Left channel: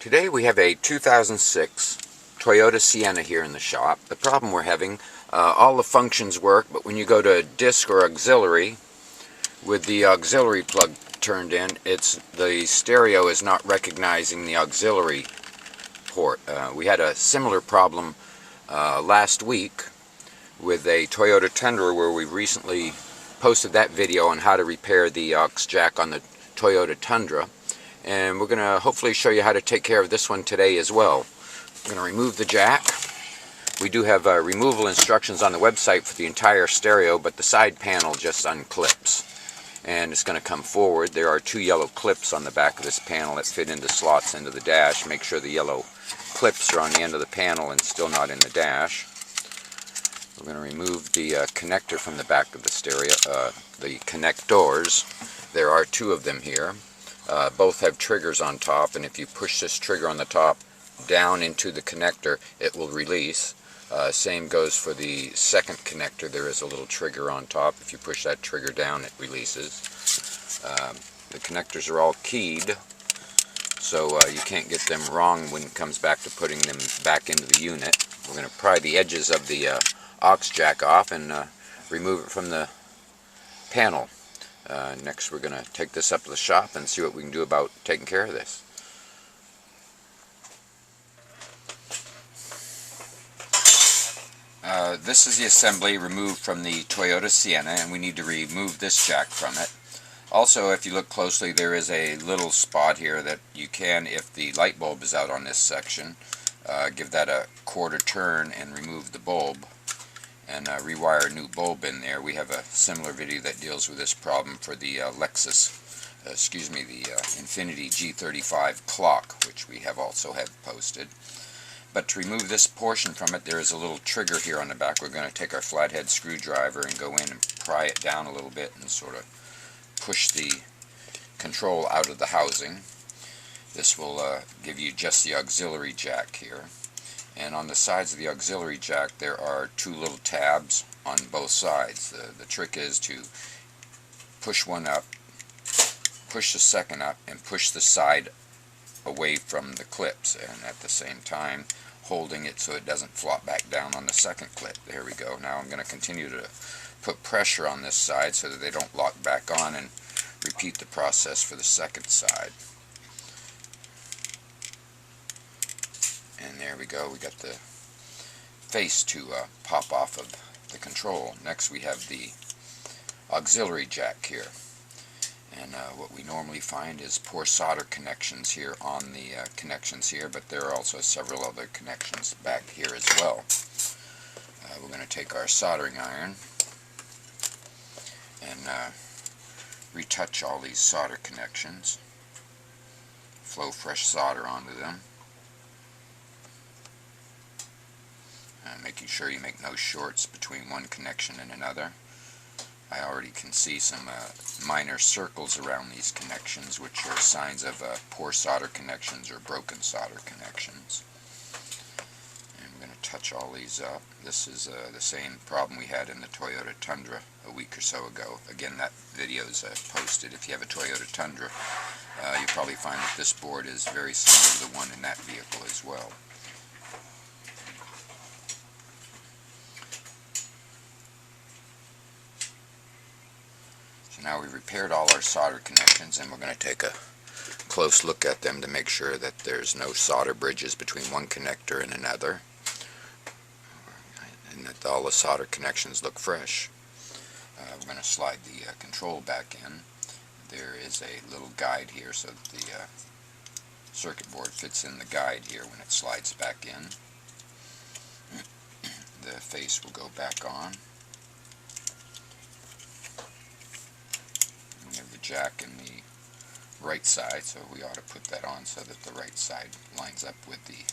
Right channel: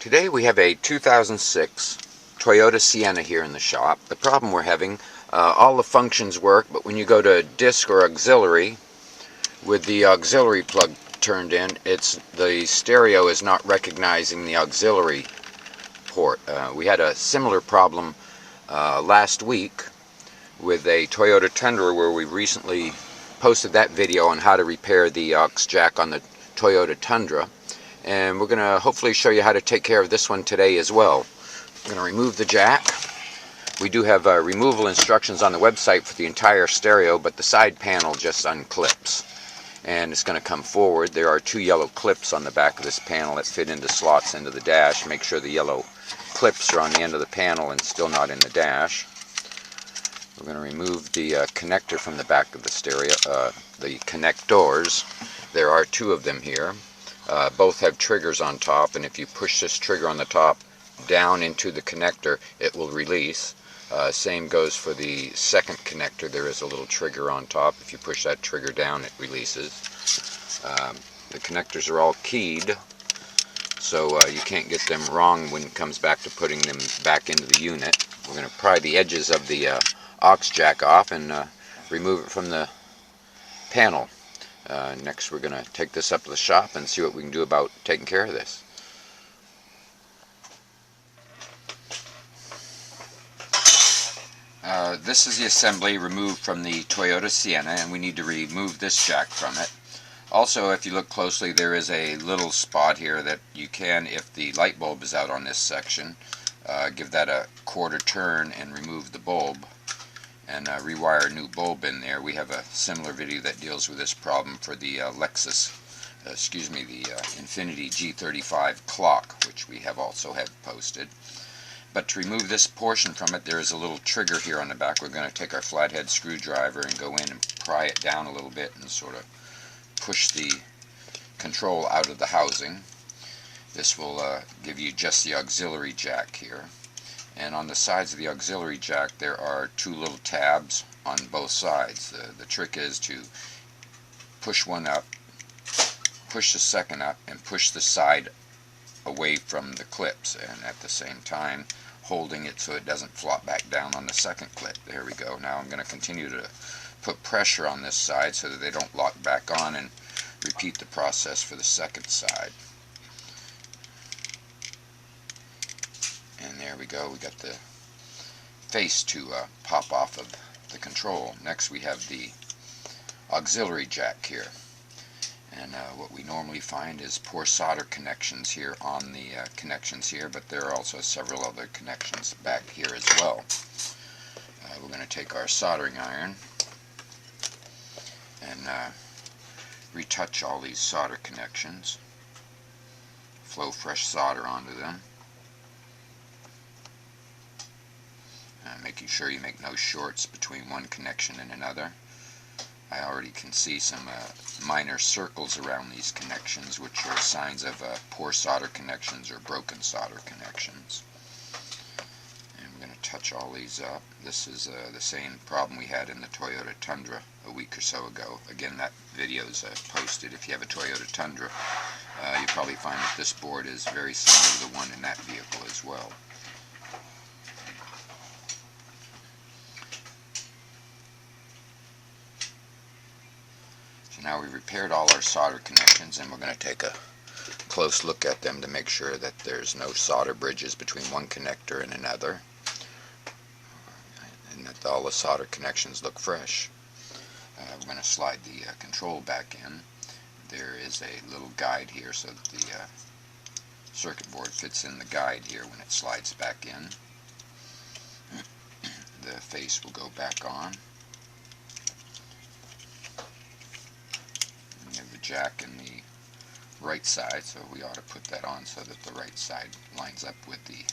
Today we have a 2006 Toyota Sienna here in the shop. The problem we're having, all the functions work, but when you go to disc or auxiliary, with the auxiliary plug turned in, the stereo is not recognizing the auxiliary port. We had a similar problem last week with a Toyota Tundra, where we recently posted that video on how to repair the aux jack on the Toyota Tundra. And we're going to hopefully show you how to take care of this one today as well. We're going to remove the jack. We do have removal instructions on the website for the entire stereo, but the side panel just unclips. And it's going to come forward. There are two yellow clips on the back of this panel that fit into slots into the dash. Make sure the yellow clips are on the end of the panel and still not in the dash. We're going to remove the connector from the back of the stereo, the connectors. There are two of them here. Both have triggers on top, and if you push this trigger on the top down into the connector, it will release. Same goes for the second connector. There is a little trigger on top. If you push that trigger down, it releases. The connectors are all keyed, so you can't get them wrong when it comes back to putting them back into the unit. We're going to pry the edges of the aux jack off and remove it from the panel. Next, we're going to take this up to the shop and see what we can do about taking care of this. This is the assembly removed from the Toyota Sienna, and we need to remove this jack from it. Also, if you look closely, there is a little spot here that you can, if the light bulb is out on this section, give that a quarter turn and remove the bulb and rewire a new bulb in there. We have a similar video that deals with this problem for the the Infiniti G35 clock, which we have also had posted. But to remove this portion from it, there is a little trigger here on the back. We're going to take our flathead screwdriver and go in and pry it down a little bit and sort of push the control out of the housing. This will give you just the auxiliary jack here. And on the sides of the auxiliary jack, there are two little tabs on both sides. The trick is to push one up, push the second up, and push the side away from the clips, and at the same time holding it so it doesn't flop back down on the second clip. There we go. Now I'm going to continue to put pressure on this side so that they don't lock back on, and repeat the process for the second side. And there we go, we got the face to pop off of the control. Next we have the auxiliary jack here. And what we normally find is poor solder connections here on the connections here, but there are also several other connections back here as well. We're going to take our soldering iron and retouch all these solder connections. Flow fresh solder onto them. Making sure you make no shorts between one connection and another. I already can see some minor circles around these connections, which are signs of poor solder connections or broken solder connections. And we're going to touch all these up. This is the same problem we had in the Toyota Tundra a week or so ago. Again, that video is posted. If you have a Toyota Tundra, you'll probably find that this board is very similar to the one in that vehicle as well. Now we've repaired all our solder connections, and we're going to take a close look at them to make sure that there's no solder bridges between one connector and another, and that all the solder connections look fresh. We're going to slide the control back in. There is a little guide here so that the circuit board fits in the guide here when it slides back in. The face will go back on. We have the jack in the right side, so we ought to put that on so that the right side lines up with the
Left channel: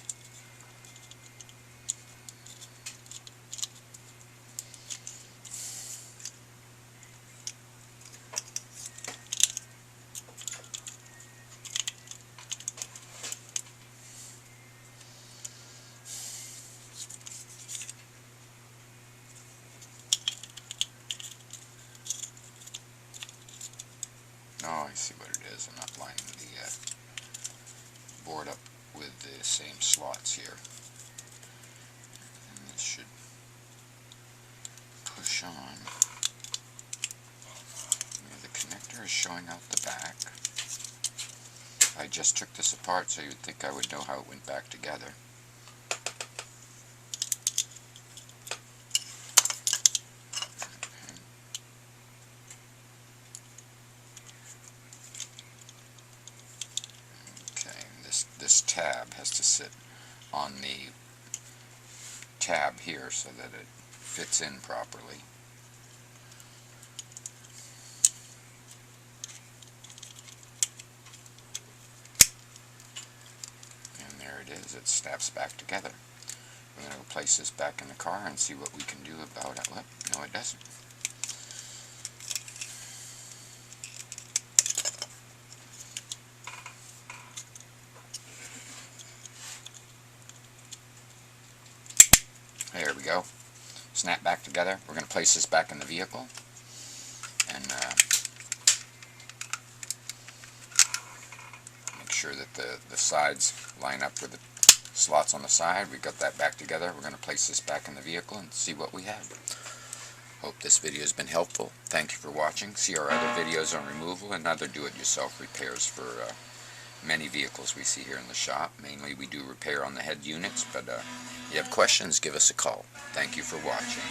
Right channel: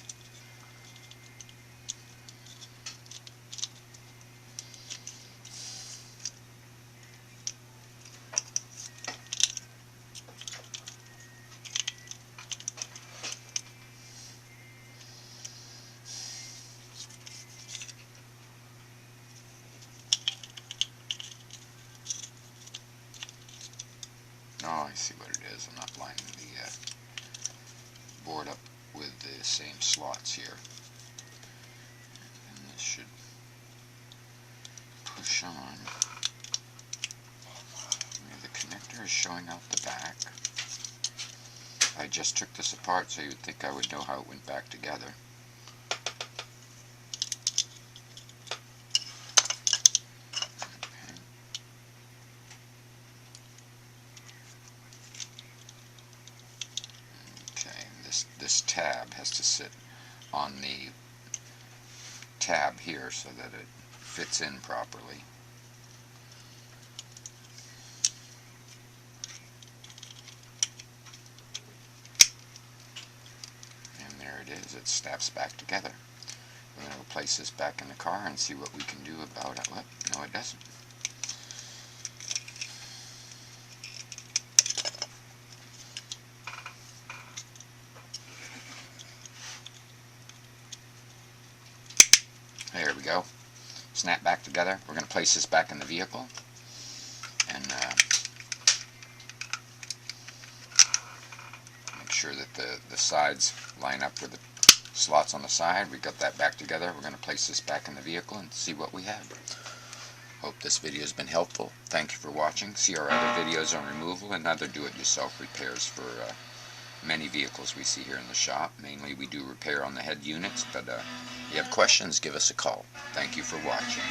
Oh, I see what it is. I'm not lining the board up with the same slots here. And this should push on. The connector is showing out the back. I just took this apart, so you'd think I would know how it went back together. Okay, this tab has to sit on the tab here so that it fits in properly. And there it is, it snaps back together. We're going to place this back in the car and see what we can do about it. Well, no, it doesn't. There we go. Snap back together. We're going to place this back in the vehicle. And make sure that the sides line up with the slots on the side. We got that back together. We're going to place this back in the vehicle and see what we have. Hope this video has been helpful. Thank you for watching. See our other videos on removal and other do-it-yourself repairs for many vehicles we see here in the shop. Mainly we do repair on the head units, but if you have questions, give us a call. Thank you for watching.